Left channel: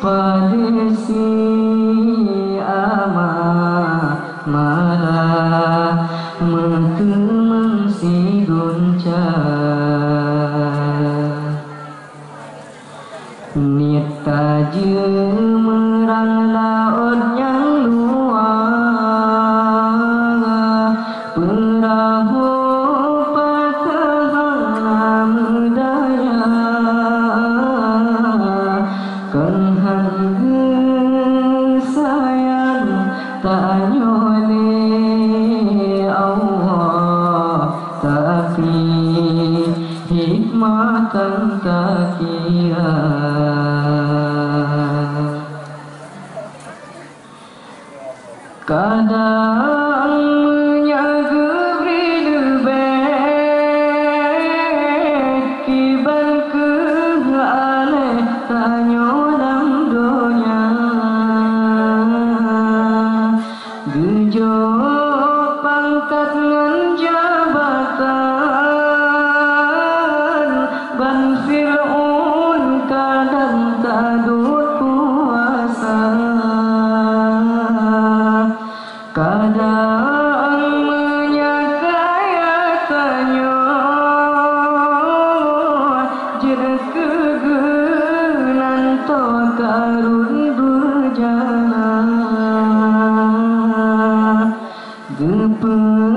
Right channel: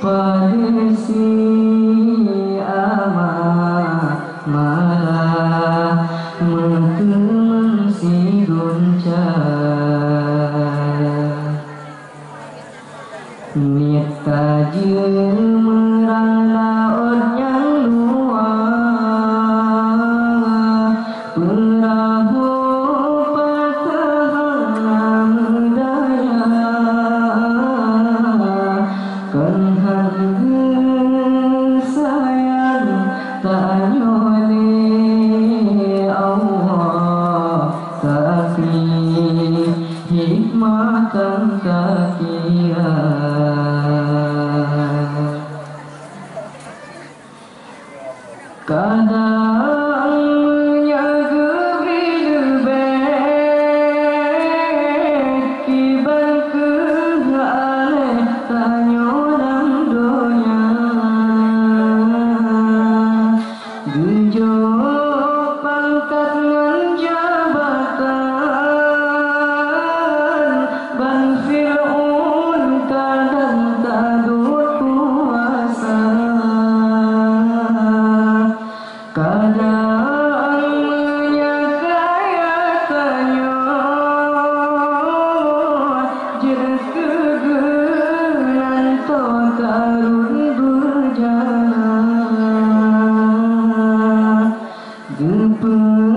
padesi ama malah metu si gunca niat taje merang laut yang luar perahu patah medaya kenhan sayang tak nyole Allah tapi hikmah tak kira kadang menyaga lebih kiban ke aleh tanyo dalam dunia gejo pangkat ngan jabatan ban Fir'aun kadang tadut kuasa kadang menyakaya tanyo jer kegenan to karun berjalan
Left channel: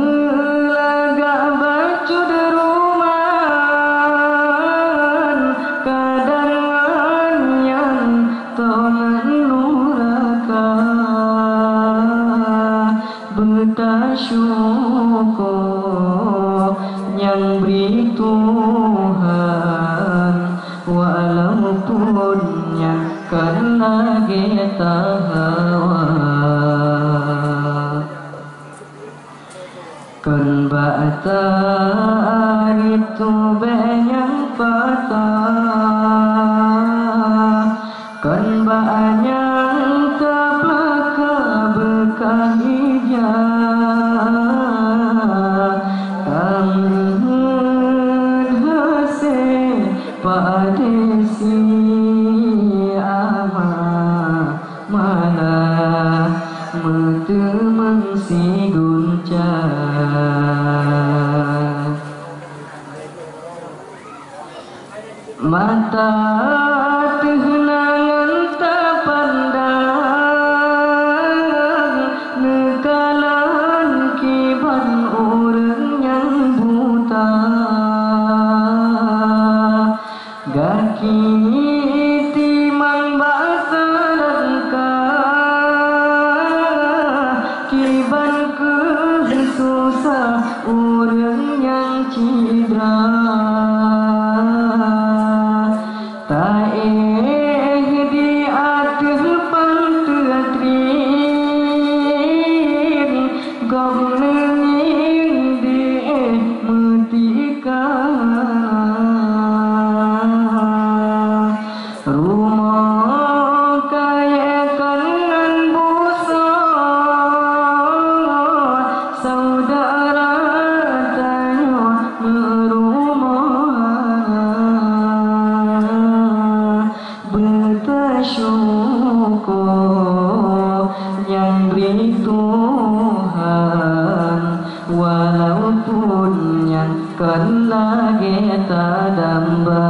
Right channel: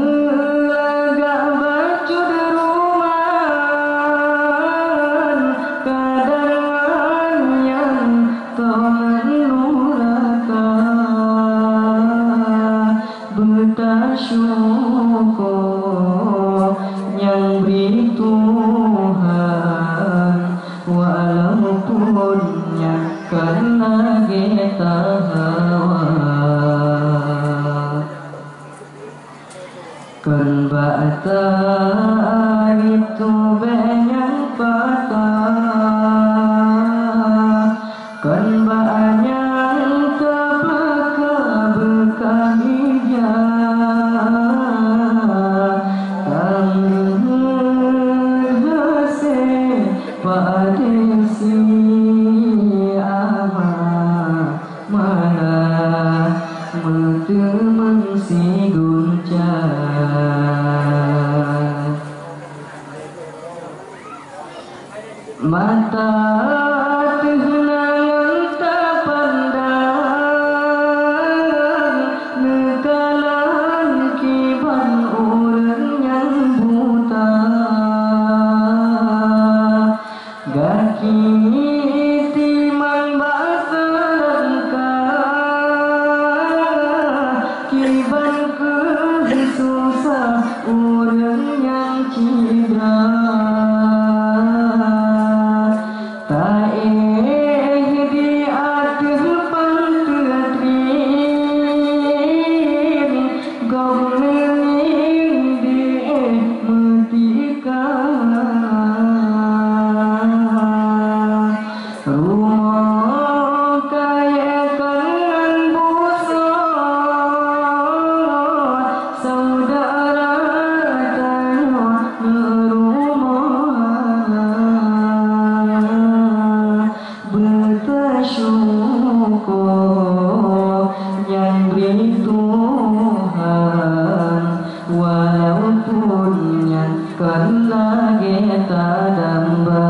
gepelaga bacud rumahan kadang yang tongan nuraka bersyukur yang beri Tuhan walaupun karena kita hawa kan bata itu banyak patah kan banyak kepaka bekah hijau tanggung hasil padesi ama mana metu mengsi guncang mata tehnangan tak pandang nekalan kiban orang yang buta gaki timang basa langkah kiban ke susah orang yang cidra di atas pantatrin gomeng di metika rumah kaya kan busuk saudara tanyo bersyukur yang beri Tuhan walaupun yang kena kita damba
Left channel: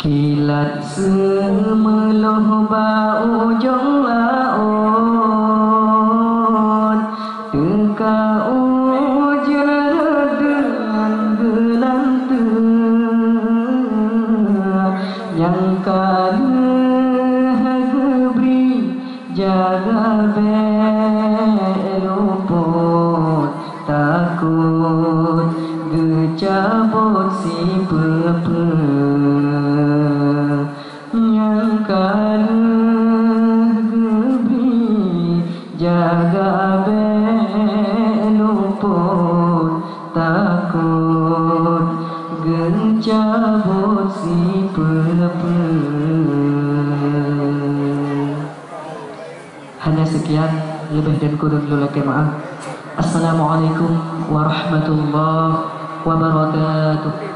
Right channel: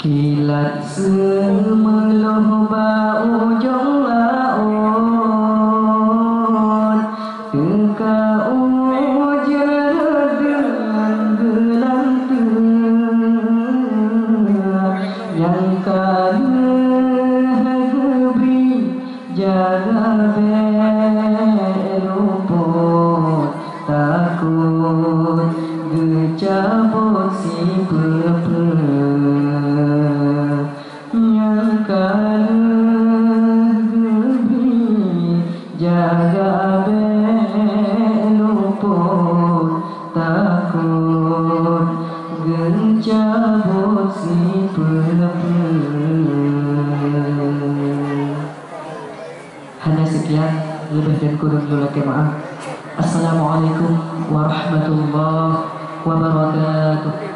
kilat semeluh bau jong laut teka ujar dengan yang kalah beri jaga beruput takut gecabut si pepe yang kalah beri jaga beruput takut gencabut si pepe. Hanya sekian, lebih dan kurang lulaki maaf. Assalamualaikum warahmatullahi wabarakatuh.